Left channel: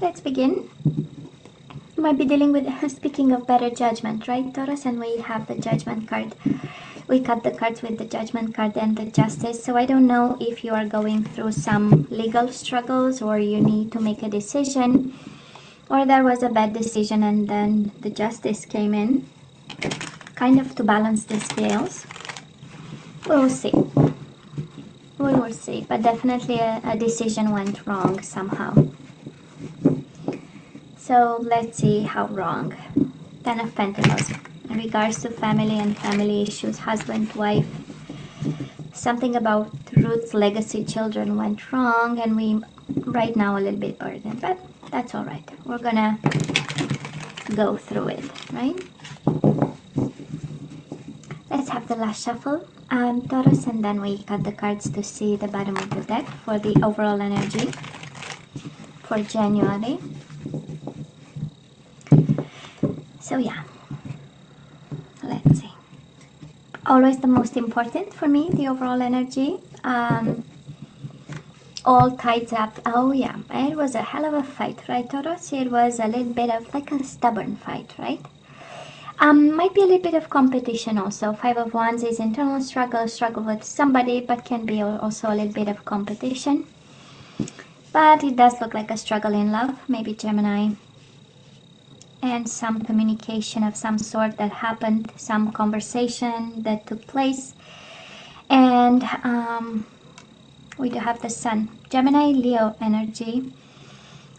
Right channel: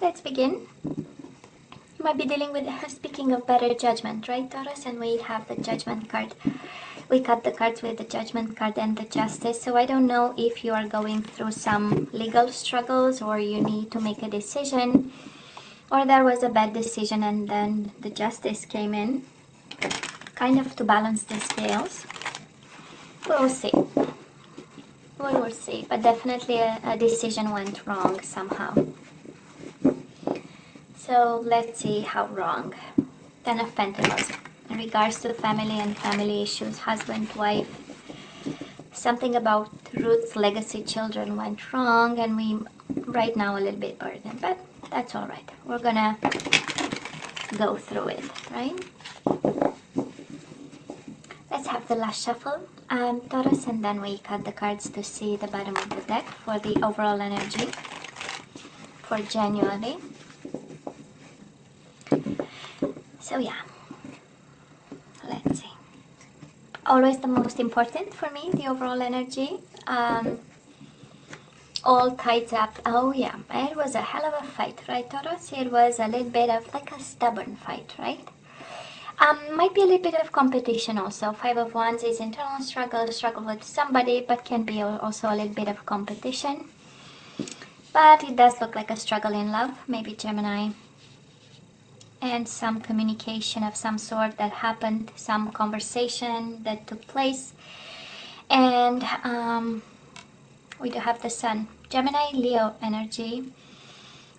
Let's begin. You might be dealing with, speaking of better judgment, right, Taurus? And we have the judgment card. We cut the cards with the judgment card and the justice. So I don't know if you are going through some legal struggles, or you need to make a decision, or there was a bad decision and then the justice came in, kind of to balance the scales. We'll see. We will see. But definitely a decision went wrong somehow. So let's see how wrong. Ten of Pentacles. In regards to family and family issues, husband, wife, something about roots, legacy, children went wrong, and we right now a little bit burdened, but that's all right. We're gonna go through it, right? Let's have the last shuffle, Taurus, and then we cut the cards to see the bottom of the deck for the overall energy for January. So yeah, so let's see. Always the most important for me, the overall energy. All tied up. Oh yeah, it was a hell of a fight, right, Taurus? It was a little bit of like a stubborn fight, right? Might be a little bit of competition also. Five of Wands is internal struggle with somebody, but can be also a little bit of competition. But it does look like a struggle in love, maybe Gemini. And some communication of some sort that happened, some conversation that took place. And we do have the Sun, Gemini, Leo energy.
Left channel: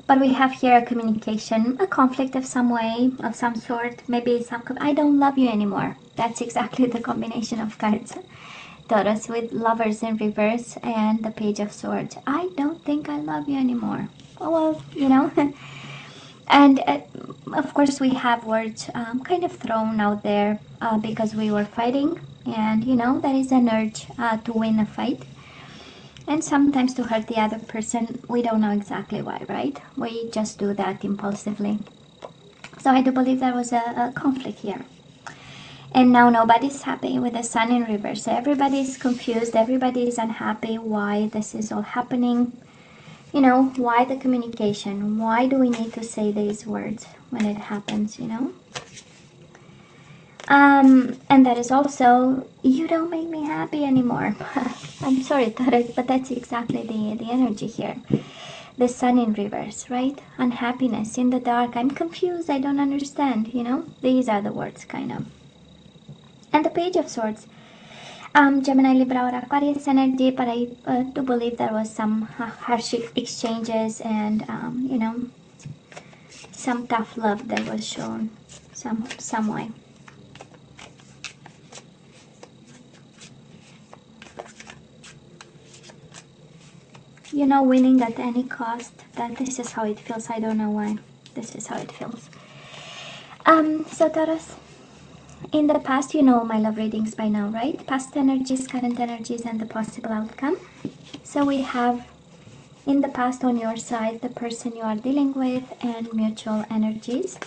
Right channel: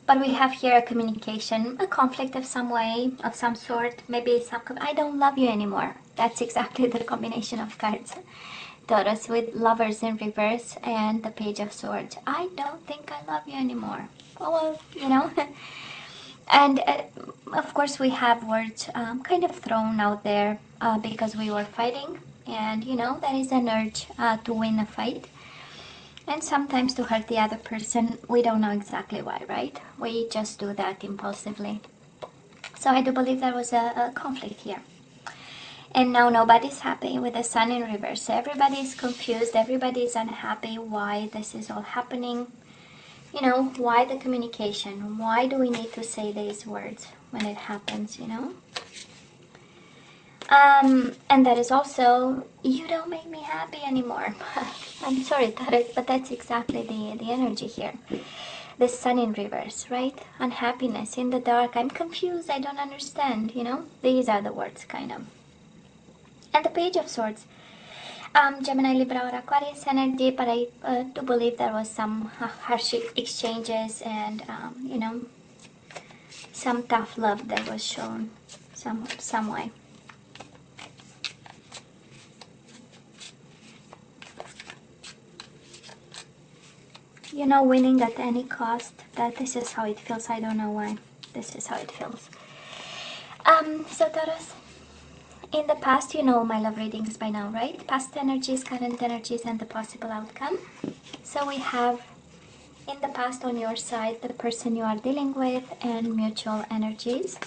But we have here a communication, a conflict of some way, of some sort. Maybe some, I don't love you anymore. That's exactly the combination of cards. Taurus with Lovers in reverse and the Page of Swords. I don't think I love you anymore. Well, you know. And of course we have words kind of thrown out there because we were fighting, and you know, there is an urge to win a fight, and sometimes to hurt the other person. We don't know exactly why, right? We just do that impulsively. So I do believe there was a conflict here, and now nobody's happy with the Sun in reverse. Everybody's confused, everybody's unhappy why this is all happening. You know, why the communication? Why do we need to say these words when it happens, you know? And there is also, you don't make me happy anymore. I'm sorry, Taurus, but that's exactly the energy here. The Sun in reverse, right? Unhappiness, in the dark, I'm confused, I don't understand, you know? These are the words, kind of. And the Page of Swords. Gemini, Libra, or Aquarius energy, but I do believe there was some harsh exchanges and, you know, some tough love that was shown some way. You know, winning at any cost, but this is how it feels. I don't know why. This is how it feels. So Taurus, in the past, you know my love readings by now, right? Past energies, current energies, and the possible outcome. So we have, in the past on your side, the person you are dealing with and mutual energies.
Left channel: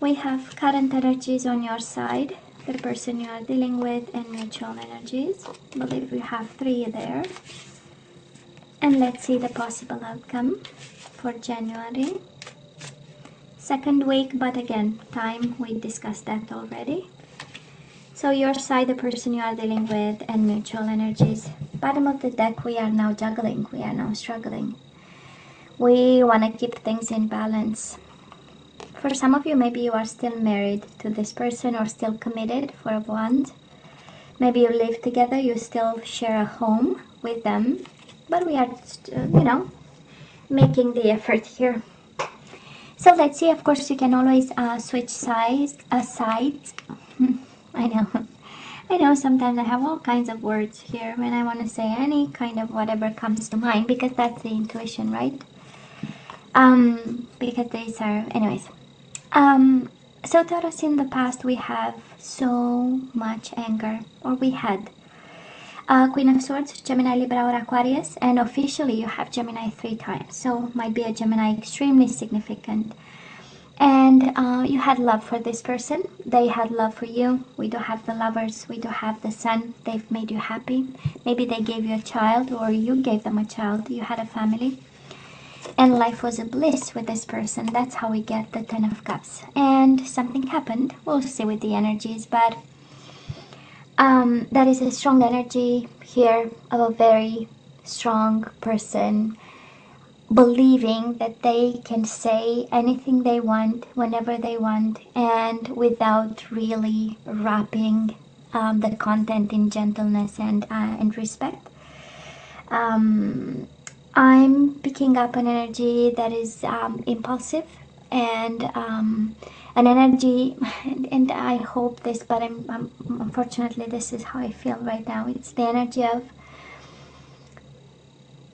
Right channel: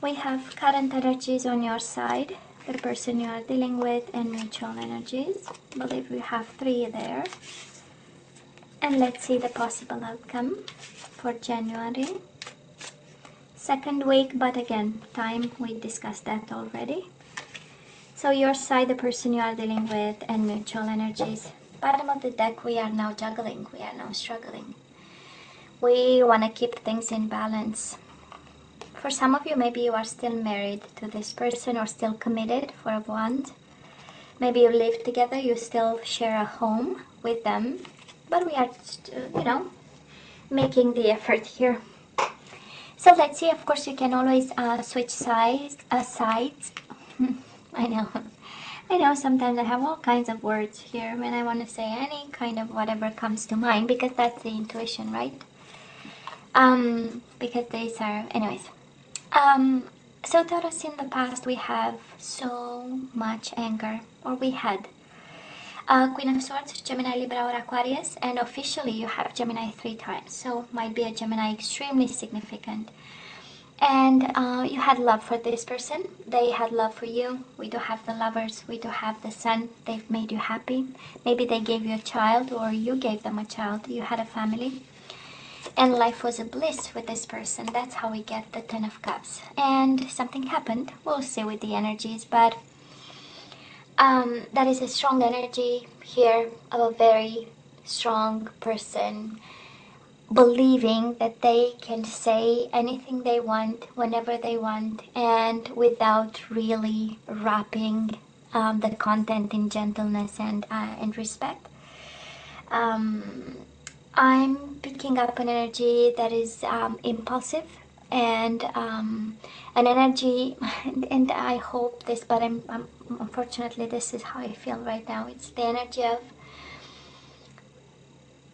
We have current energies on your side, the person you are dealing with, and mutual energies. I believe we have 3 there. And let's see the possible outcome for January. Second week, but again, time, we discussed that already. So your side, the person you are dealing with, and mutual energies. Bottom of the deck, we are now juggling, we are now struggling. We want to keep things in balance. For some of you, maybe you are still married to this person or still committed, for a Wand. Maybe you live together, you still share a home with them. But we are, you know, making the effort here. So let's see. Of course, you can always switch sides. I know. Sometimes I have all kinds of words here when I want to say any kind of whatever comes to mind, because that's the intuition, right? Because these are, anyways. So Taurus, in the past, we have so much anger, or we had. Queen of Swords, Gemini, Libra, or Aquarius, and officially you have Gemini 3 times, so might be a Gemini extremely significant. And you had love for this person. They had love for you. We do have the Lovers. We do have the Sun. They've made you happy. Maybe they gave you a child, or you gave them a child. You had a family. And life was a bliss with this person. That's how we get the Ten of Cups. And something happened. We'll see with the energies. But that is a strong energy here of a very strong person believing that they can say anything they want whenever they want, and without really wrapping the content in gentleness and respect. I'm picking up an energy that is impulsive, and an energy, and I hope this, but unfortunately this is how I feel right now. It's the energy of,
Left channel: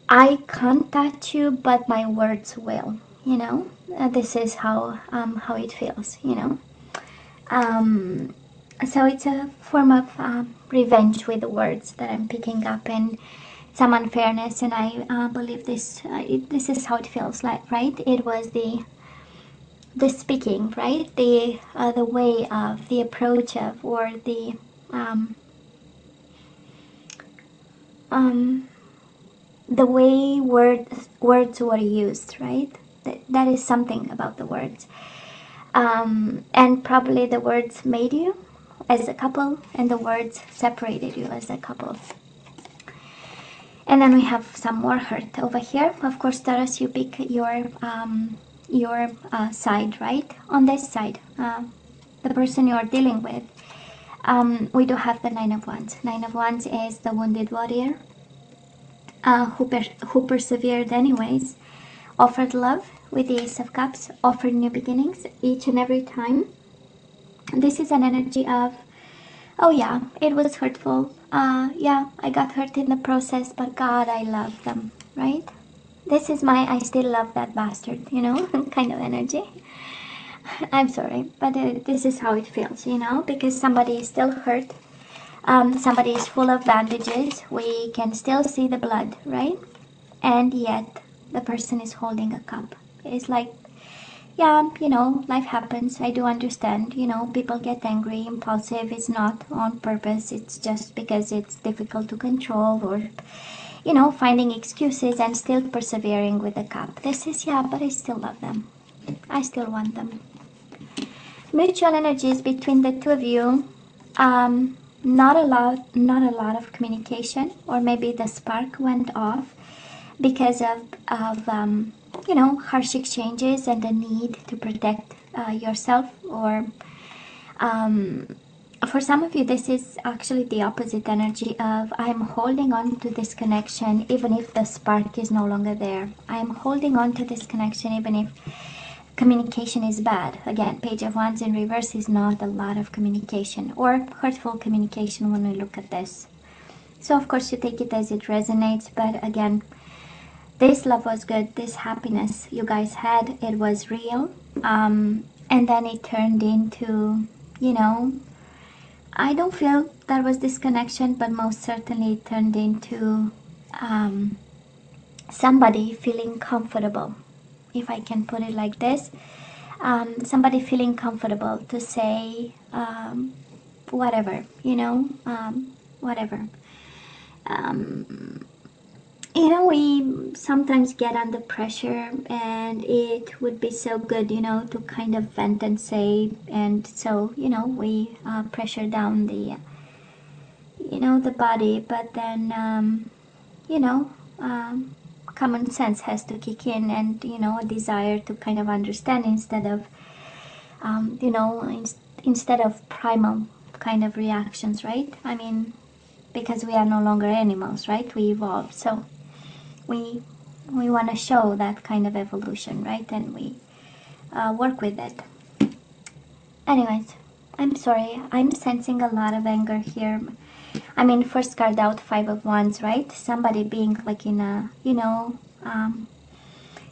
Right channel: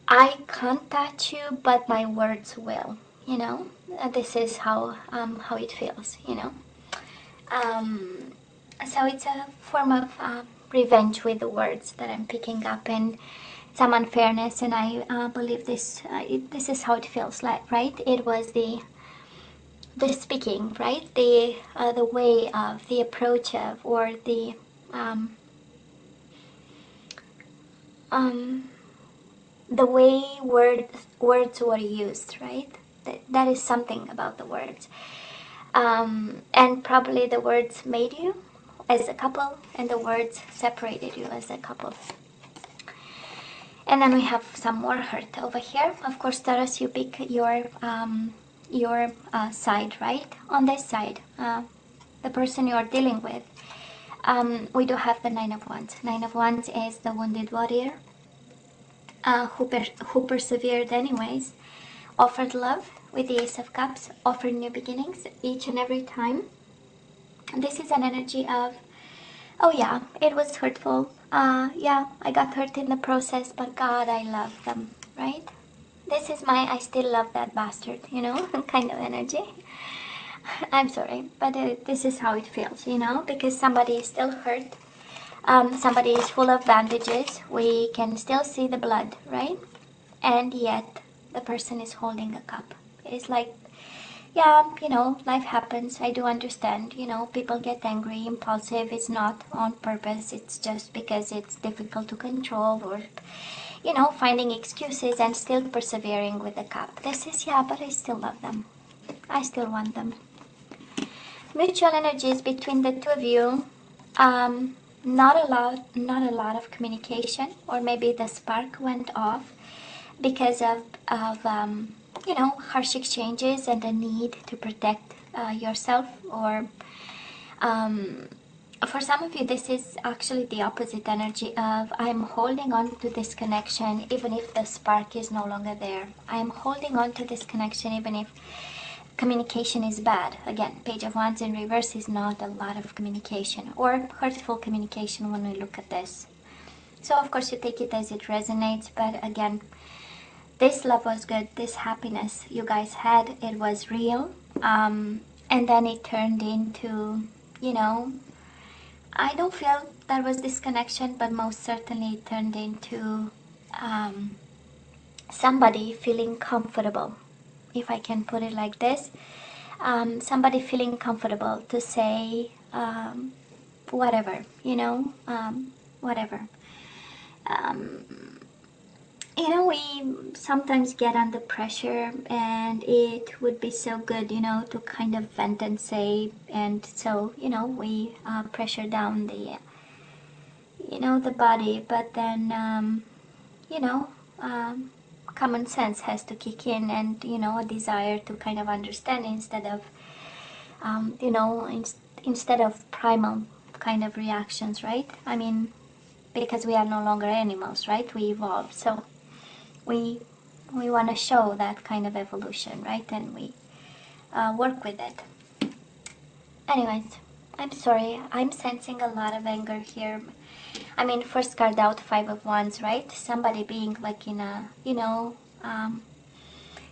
I can't touch you, but my words will, you know. This is how it feels, you know. So it's a form of revenge with words that I'm picking up, and some unfairness, and I believe this is how it feels like, right? It was the speaking, right? The way of the approach of, or the way words were used, right? That is something about the words, and probably the words made you as a couple, and the words separated you as a couple. And then we have some more hurt over here. Of course, Taurus, you pick your side, right? On this side, the person you are dealing with. We do have the Nine of Wands. Nine of Wands is the wounded warrior who persevered anyways, offered love with the Ace of Cups, offered new beginnings each and every time. This is an energy of, oh yeah, it was hurtful. Yeah, I got hurt in the process, but God, I love them, right? This is my I still love that bastard, you know, kind of energy. I'm sorry, but this is how it feels, you know, because somebody is still hurt. Somebody is full of bandages. We can still see the blood, right? And yet the person is holding a cup. It's like, yeah, you know, life happens. I do understand. You know, people get angry, impulsive. It's not on purpose. It's just because it's difficult to control, or, you know, finding excuses and still persevering with the cup. This is, yeah, but I still love them. I still want them. Mutual energies between the two of you. Not a lot of communication, or maybe the spark went off because of you know, harsh exchanges and the need to protect yourself, or for some of you this is actually the opposite energy of, I'm holding on to this connection even if the spark is no longer there. I'm holding on to this connection even if communication is bad. Again, Page of Wands in reverse is not a lot of communication, or hurtful communication when we look at this. So of course you take it as it resonates, but again, this love was good. This happiness you guys had, it was real. And then it turned into, you know, I don't feel that was disconnection, but most certainly it turned into somebody feeling comfortable, if I can put it like this. Somebody feeling comfortable to say whatever, you know, whatever. You know, we sometimes get under pressure, and it would be so good, you know, to kind of vent and say, and so, you know, we pressure down the, you know, the body, but then, you know, common sense has to kick in, and, you know, a desire to kind of understand instead of, you know, instead of primal kind of reactions, right? I mean, because we are no longer animals, right? We evolve, so we want to show that kind of evolution, right? And we work with it. Anyways, I'm sorry, I'm sensing a lot of anger here. I mean, first card out, Five of Wands, right? Somebody being like in a, you know,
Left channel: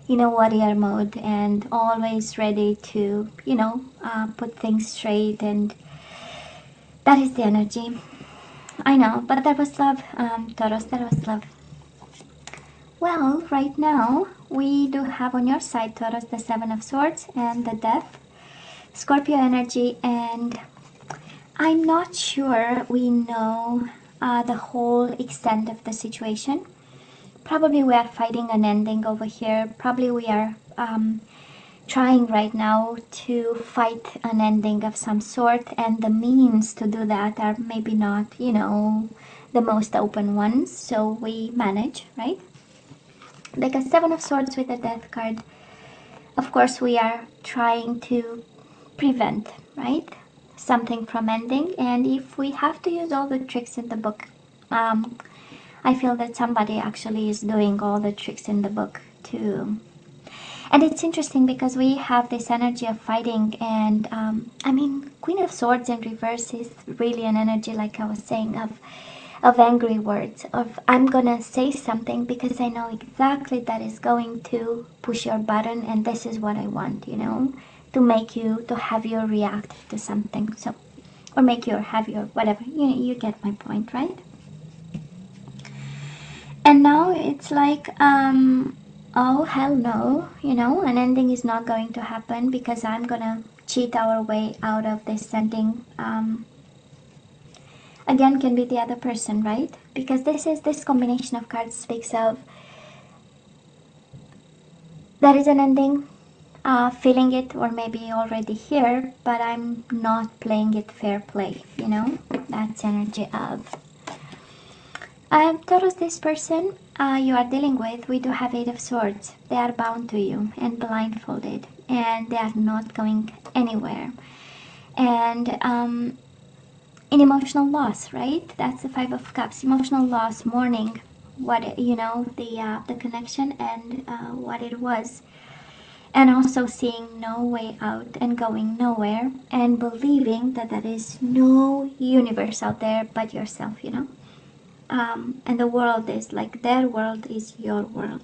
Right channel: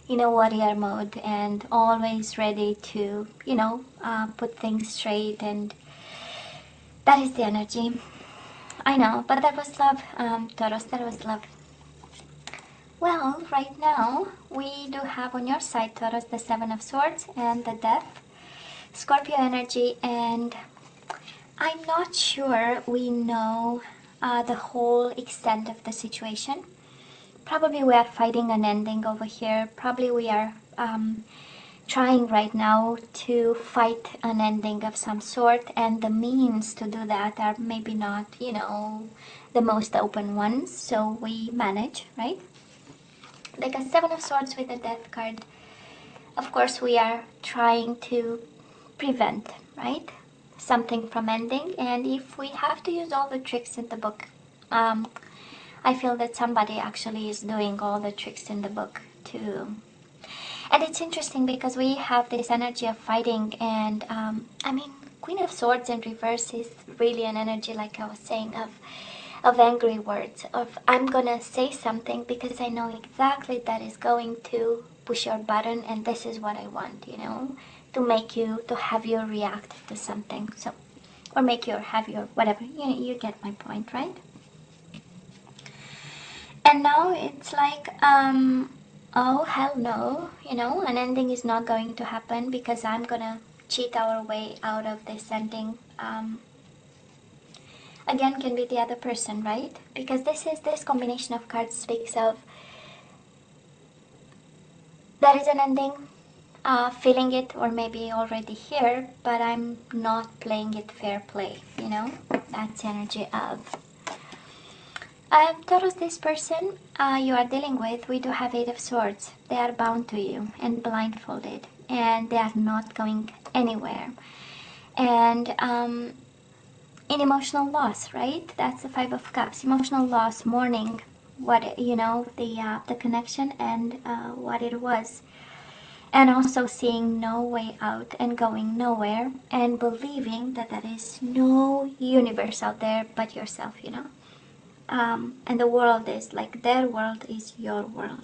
warrior mode, and always ready to, you know, put things straight, and that is the energy. I know, but there was love, Taurus, there was love. Well, right now we do have on your side, Taurus, the Seven of Swords and the Death, Scorpio energy, and I'm not sure we know the whole extent of the situation. Probably we are fighting an ending over here. Probably we are trying right now to fight an ending of some sort, and the means to do that are maybe not, you know, the most open ones. So we manage, right? Like a Seven of Swords with a Death card. Of course, we are trying to prevent, right, something from ending. And if we have to use all the tricks in the book, I feel that somebody actually is doing all the tricks in the book too. And it's interesting because we have this energy of fighting, and I mean, Queen of Swords in reverse is really an energy, like I was saying, of angry words, of I'm gonna say something because I know exactly that is going to push your button, and this is what I want, you know, to make you, to have you react to something, so, or make you, or have you, or whatever, you get my point, right? And now it's like, oh hell no, you know, an ending is not going to happen because I'm gonna cheat our way out of this ending. Again, can be the other person, right? Because this combination of cards speaks of there is an ending, feeling it, or maybe already here, but I'm not playing it fair play, you know? That's energy of Taurus, this person you are dealing with, we do have Eight of Swords. They are bound to you and blindfolded, and they are not going anywhere. And in emotional loss, right? That's the Five of Cups. Emotional loss, mourning, what, you know, the connection and what it was. And also seeing no way out and going nowhere, and believing that there is no universe out there but yourself, you know? And the world is like, their world is your world,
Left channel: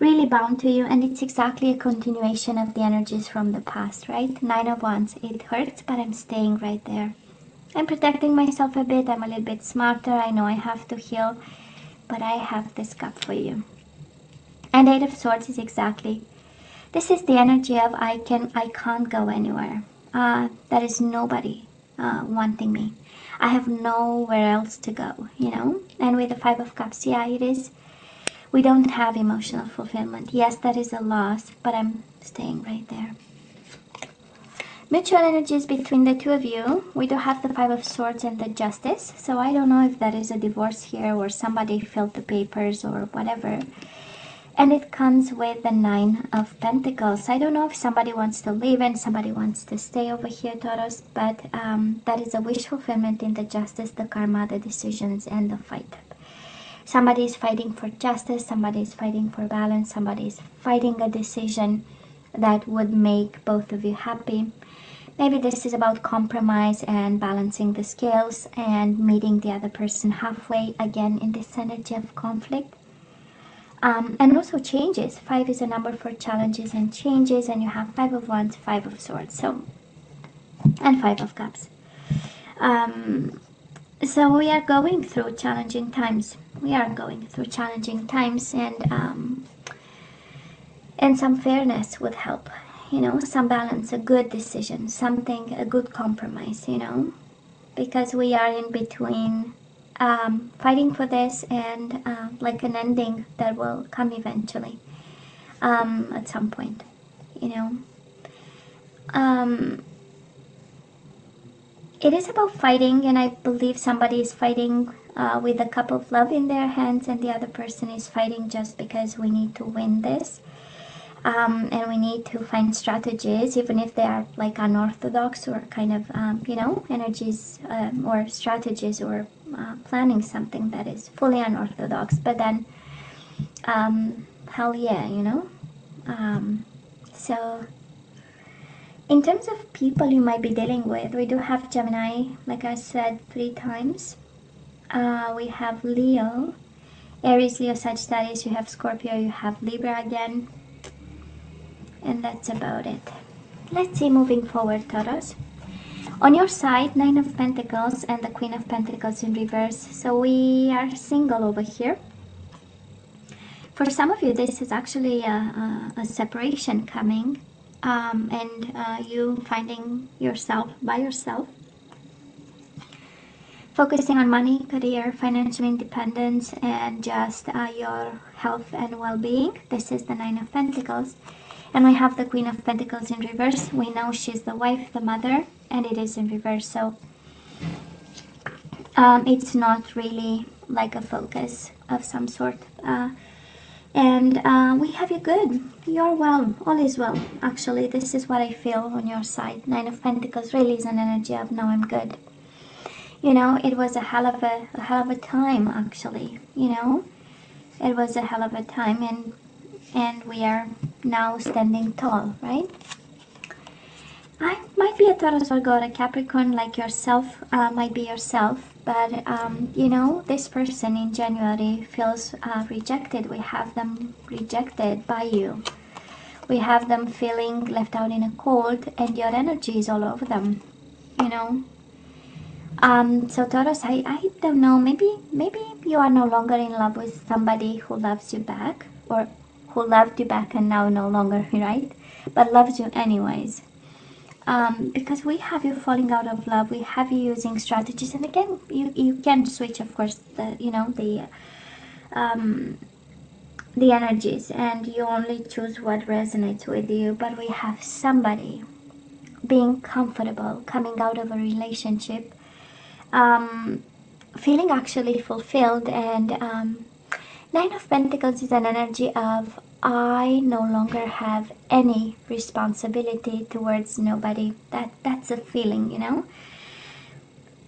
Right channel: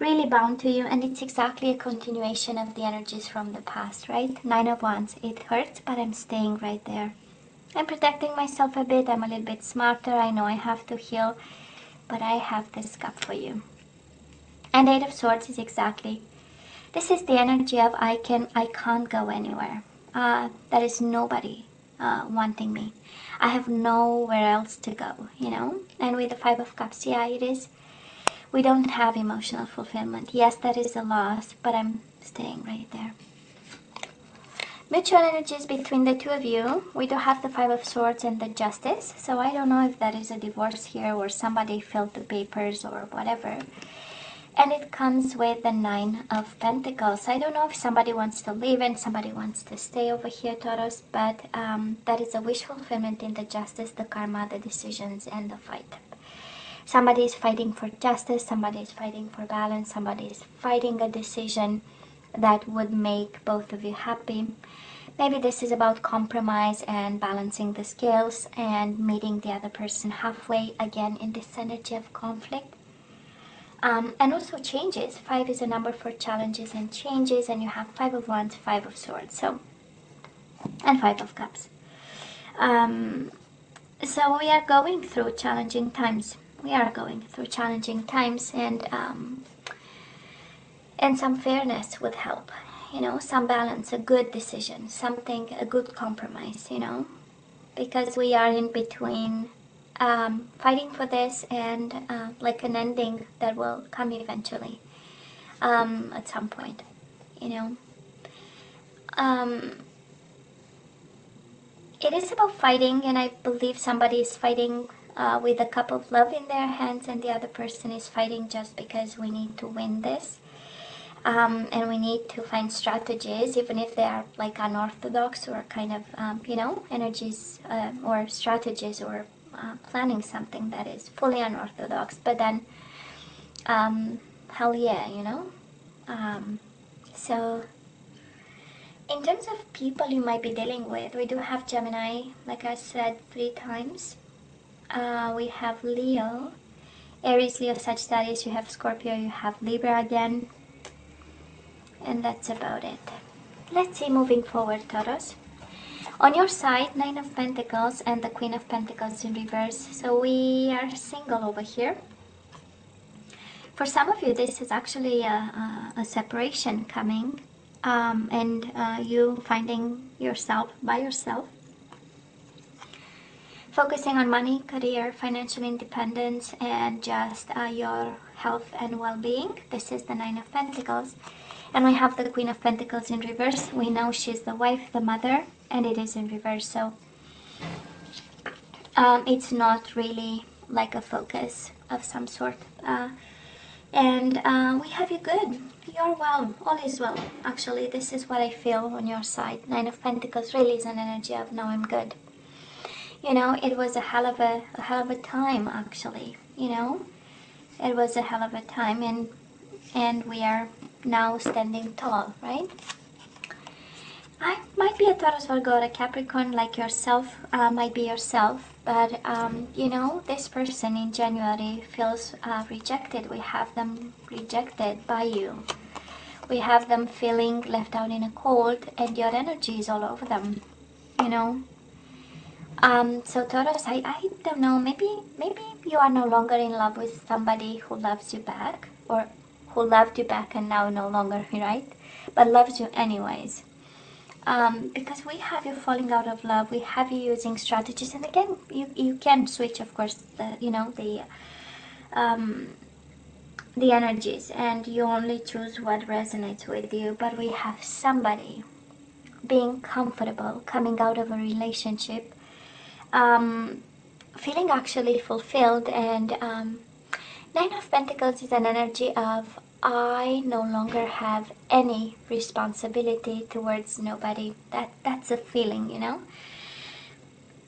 really bound to you. And it's exactly a continuation of the energies from the past, right? Nine of Wands, it hurts, but I'm staying right there. I'm protecting myself a bit, I'm a little bit smarter, I know I have to heal, but I have this cup for you. And Eight of Swords is exactly, this is the energy of I can't go anywhere. There is nobody wanting me. I have nowhere else to go, you know? And with the Five of Cups, yeah, it is. We don't have emotional fulfillment. Yes, that is a loss, but I'm staying right there. Mutual energies between the two of you. We do have the Five of Swords and the Justice. So I don't know if that is a divorce here or somebody filled the papers or whatever. And it comes with the Nine of Pentacles. I don't know if somebody wants to leave and somebody wants to stay over here, Taurus, but that is a wish fulfillment in the Justice, the Karma, the decisions, and the fight. Somebody is fighting for justice, somebody is fighting for balance, somebody is fighting a decision that would make both of you happy. Maybe this is about compromise and balancing the scales and meeting the other person halfway, again in this energy of conflict. And also changes. 5 is a number for challenges and changes, and you have 5 of Wands, 5 of Swords, so, and 5 of Cups. So we are going through challenging times. We are going through challenging times, and some fairness would help. You know, some balance, a good decision, something, a good compromise. You know, because we are in between. Fighting for this and like an ending that will come eventually at some point, you know. It is about fighting, and I believe somebody is fighting with a cup of love in their hands, and the other person is fighting just because we need to win this. And we need to find strategies, even if they are like unorthodox or kind of, you know, energies or strategies, or planning something that is fully unorthodox. But then, hell yeah, you know. So, in terms of people you might be dealing with, we do have Gemini, like I said 3 times. We have Leo, Aries, Leo, Sagittarius, you have Scorpio, you have Libra again. And that's about it. Let's see, moving forward, Taurus. On your side, Nine of Pentacles and the Queen of Pentacles in reverse. So we are single over here. For some of you, this is actually a separation coming, and you finding yourself by yourself, focusing on money, career, financial independence, and just your health and well-being. This is the Nine of Pentacles. And we have the Queen of Pentacles in reverse. We know she's the wife, the mother, and it is in reverse. So it's not really like a focus of some sort. And we have you good. You're well. All is well. Actually, this is what I feel on your side. Nine of Pentacles really is an energy of no, I'm good. You know, it was a hell of a time, actually. You know, it was a hell of a time, and we are now standing tall, right? I might be a Taurus, Virgo, or a Capricorn like yourself, might be yourself, but you know, this person in January feels rejected. We have them rejected by you. We have them feeling left out in a cold, and your energy is all over them, you know. So Taurus, I don't know, maybe you are no longer in love with somebody who loves you back, or who loved you back and now no longer, right? But loves you anyways. Because we have you falling out of love, we have you using strategies, and again, you can switch, of course, the energies, and you only choose what resonates with you. But we have somebody being comfortable, coming out of a relationship, feeling actually fulfilled, and Nine of Pentacles is an energy of I no longer have any responsibility towards nobody. That's a feeling, you know.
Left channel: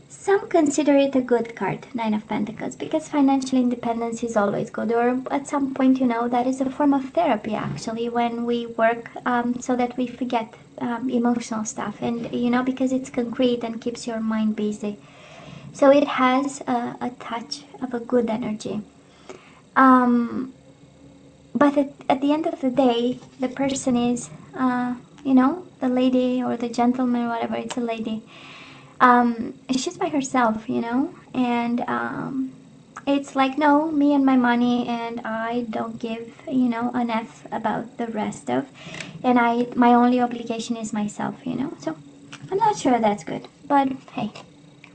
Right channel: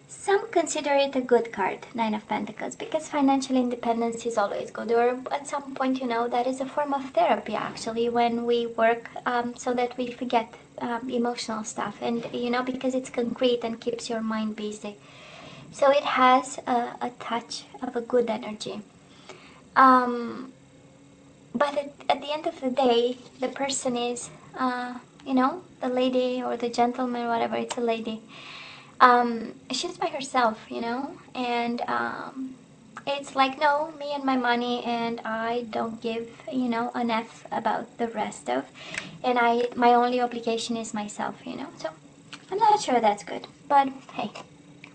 Some consider it a good card, Nine of Pentacles, because financial independence is always good. Or at some point, you know, that is a form of therapy, actually, when we work so that we forget emotional stuff. And, you know, because it's concrete and keeps your mind busy. So it has a touch of a good energy. But at the end of the day, the person is, you know, the lady or the gentleman, whatever, it's a lady. She's by herself, you know, and it's like, no, me and my money, and I don't give, you know, an F about the rest of, and my only obligation is myself, you know. So I'm not sure that's good, but hey,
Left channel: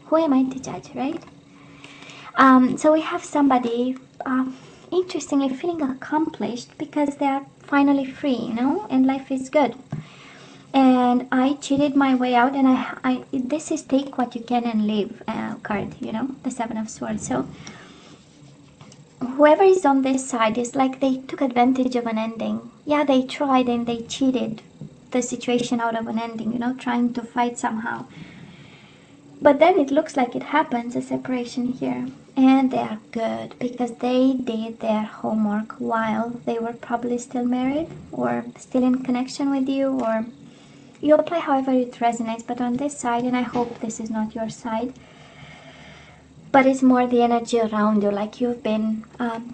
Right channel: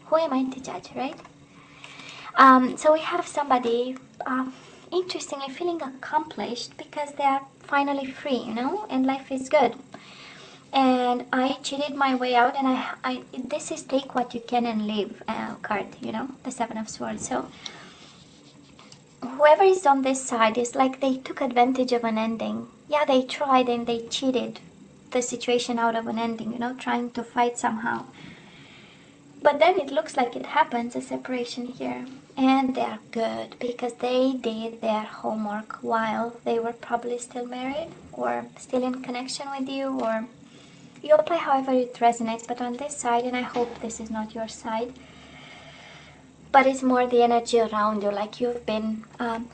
who am I to judge, right? So we have somebody, interestingly, feeling accomplished because they are finally free, you know, and life is good. And I cheated my way out, and this is take what you can and leave card, you know, the Seven of Swords. So whoever is on this side is like they took advantage of an ending. Yeah, they tried and they cheated the situation out of an ending, you know, trying to fight somehow. But then it looks like it happens, a separation here. And they are good because they did their homework while they were probably still married or still in connection with you, or you apply however it resonates. But on this side, and I hope this is not your side, but it's more the energy around you, like you've been,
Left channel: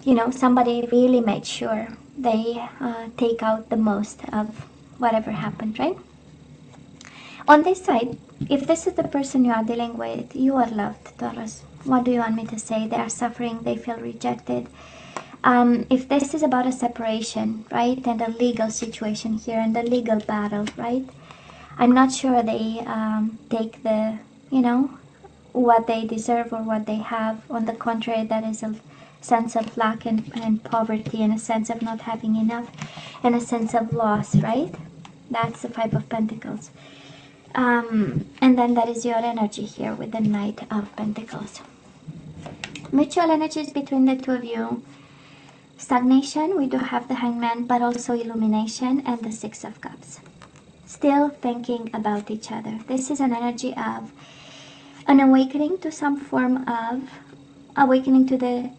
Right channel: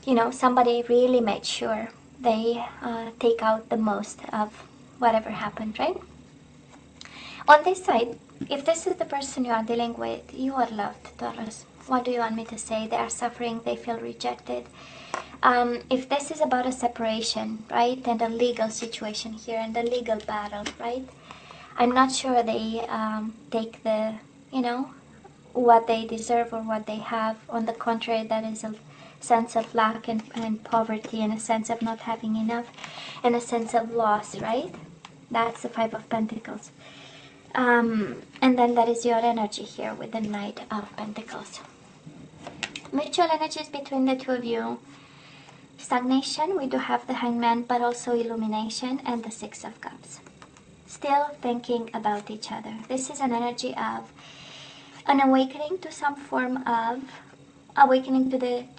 you know, somebody really made sure they take out the most of whatever happened, right? On this side, if this is the person you are dealing with, you are loved, Taurus. What do you want me to say? They are suffering, they feel rejected. If this is about a separation, right, and a legal situation here, and a legal battle, right, I'm not sure they take the, you know, what they deserve or what they have. On the contrary, that is a sense of lack and poverty, and a sense of not having enough, and a sense of loss, right? That's the Five of Pentacles. And then that is your energy here with the Knight of Pentacles. Mutual energies between the two of you. Stagnation, we do have the Hangman, but also illumination, and the Six of Cups. Still thinking about each other. This is an energy of an awakening to some form of awakening to the,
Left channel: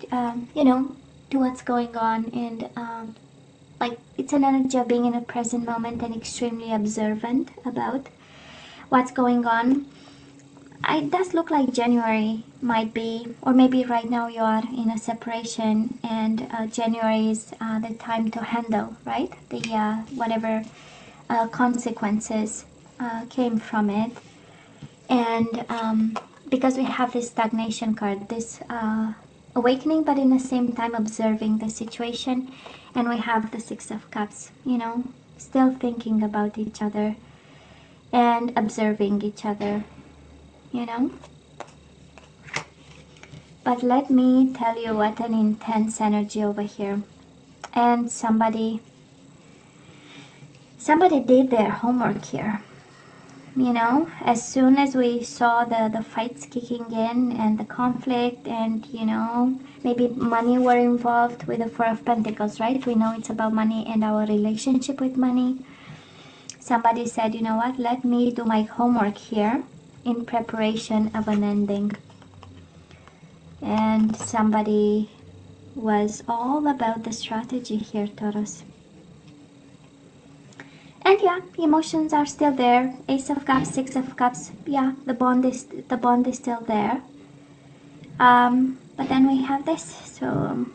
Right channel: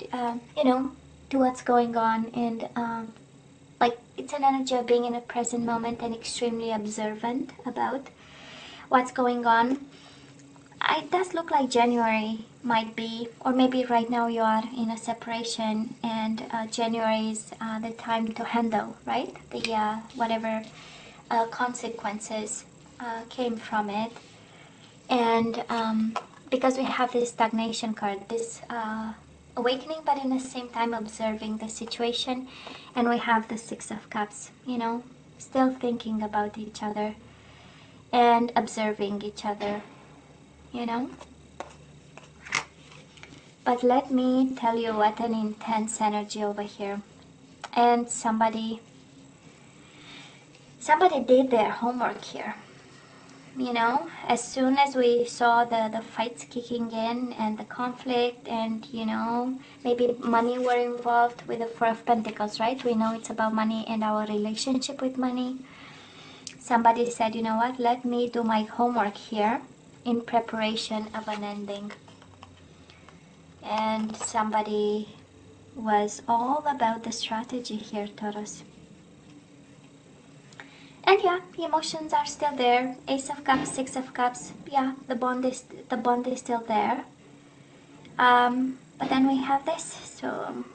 you know, to what's going on, and like it's an energy of being in a present moment and extremely observant about what's going on. It does look like January might be, or maybe right now you are in a separation, and January is the time to handle, right? The whatever consequences came from it. And because we have this stagnation card, this awakening, but in the same time observing the situation. And we have the Six of Cups, you know, still thinking about each other and observing each other, you know. But let me tell you what an intense energy over here. And somebody did their homework here. You know, as soon as we saw the fights kicking in and the conflict, and you know, maybe money were involved with the Four of Pentacles, right? We know it's about money and our relationship with money. Somebody said, you know what, let me do my homework here in preparation of an ending. And somebody was all about the strategy here, Taurus. And yeah, emotions are still there. Ace of Cups, Six of Cups. Yeah, the bond is still there. But then we have this. So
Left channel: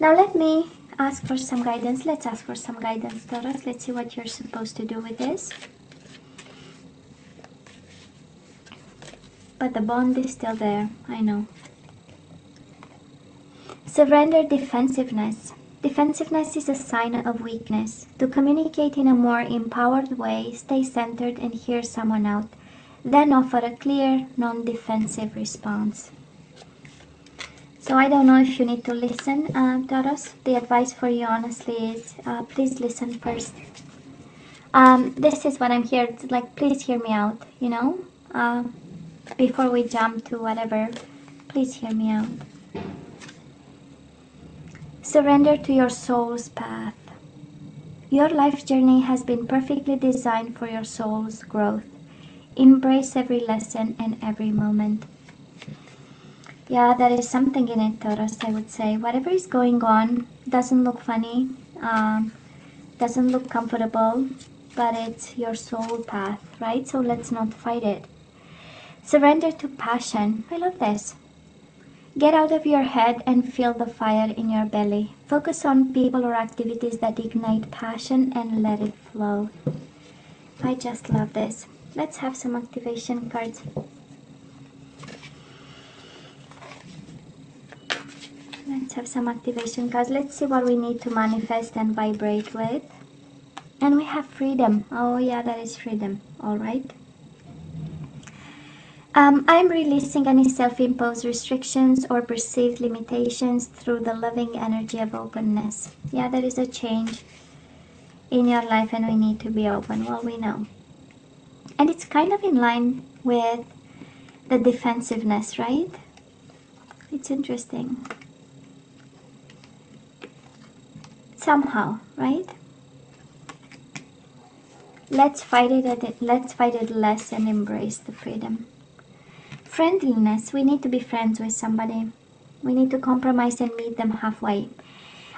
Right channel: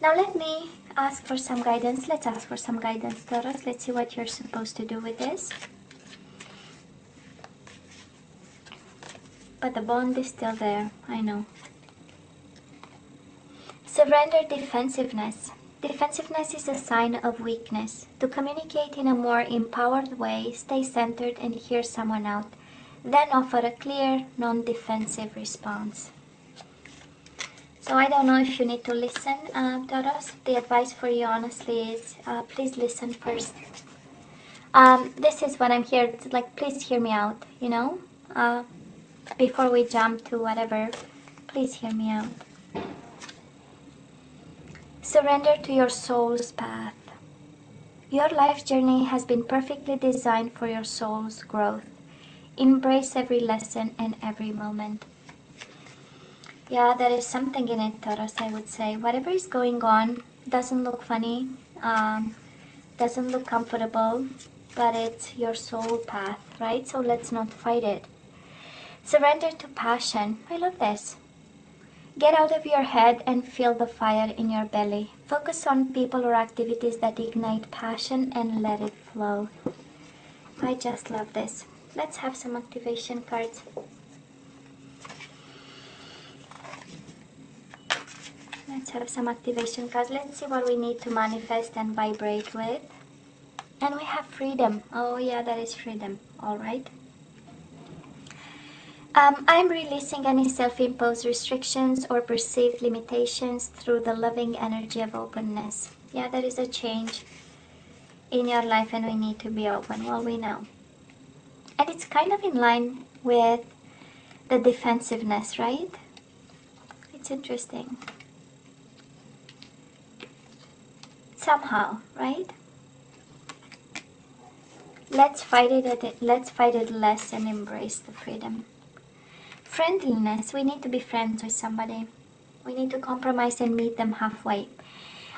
now let me ask for some guidance. Let's ask for some guidance, Taurus. Let's see what you're supposed to do with this. But the bond is still there. I know. Surrender defensiveness. Defensiveness is a sign of weakness. To communicate in a more empowered way, stay centered and hear someone out. Then offer a clear, non-defensive response. So I don't know if you need to listen, Taurus. The advice for you honestly is please listen first. This is what I'm here, it's like, please hear me out, you know. Before we jump to whatever, please hear me out. Surrender to your soul's path. Your life journey has been perfectly designed for your soul's growth. Embrace every lesson and every moment. Yeah, there is something in it, Taurus, I would say. Whatever is going on doesn't look funny, doesn't look comfortable, but it's your soul path, right? So let's not fight it. Surrender to passion. I love this. Get out of your head and feel the fire in your belly. Focus on people or activities that ignite passion and let it flow. I just love this. Let's have some activation cards. Let's have some activation cards. Let's see what we need to manifest and vibrate with. And we have freedom. Oh yeah, that is freedom. All right. I'm releasing any self-imposed restrictions or perceived limitations through the loving energy of openness. Yeah, there is a change in your life and we need to be open. Well, we know. And it's kind of in line with the defensiveness, right? It's interesting. Somehow, right? Let's fight it less and embrace the freedom. Friendliness. We need to be friends with somebody. We need to compromise and meet them halfway.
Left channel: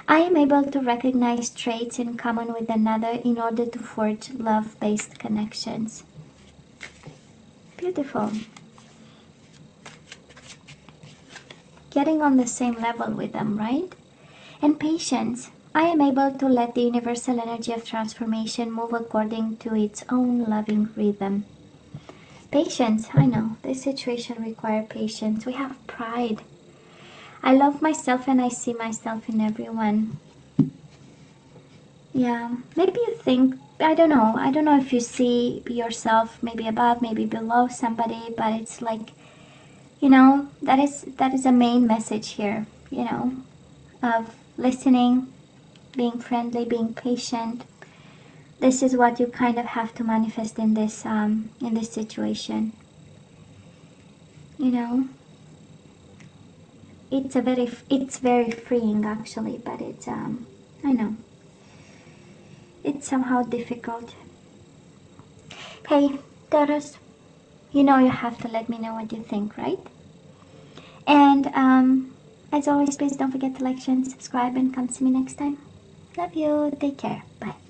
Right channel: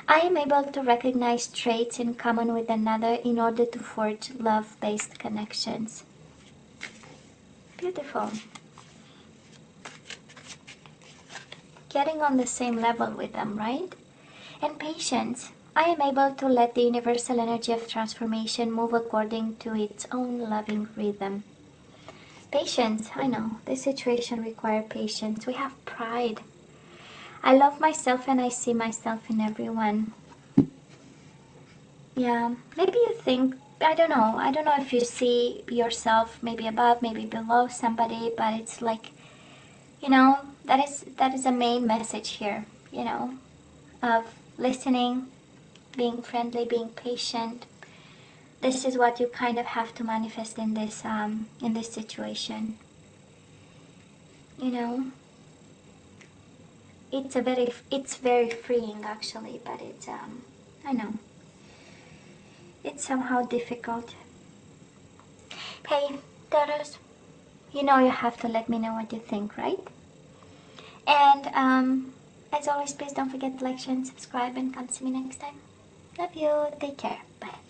I am able to recognize traits in common with another in order to forge love-based connections. Beautiful. Getting on the same level with them, right? And patience. I am able to let the universal energy of transformation move according to its own loving rhythm. Patience. I know. This situation requires patience. We have pride. I love myself and I see myself in everyone. Yeah, maybe you think, I don't know if you see yourself maybe above, maybe below somebody, but it's like, you know, that is a main message here, you know, of listening, being friendly, being patient. This is what you kind of have to manifest in this situation. You know, it's very freeing actually, but it's I know. It's somehow difficult. Hey, Taurus, you know you have to let me know what you think, right? And as always, please don't forget to like, share, and subscribe, and come see me next time. Love you. Take care. Bye.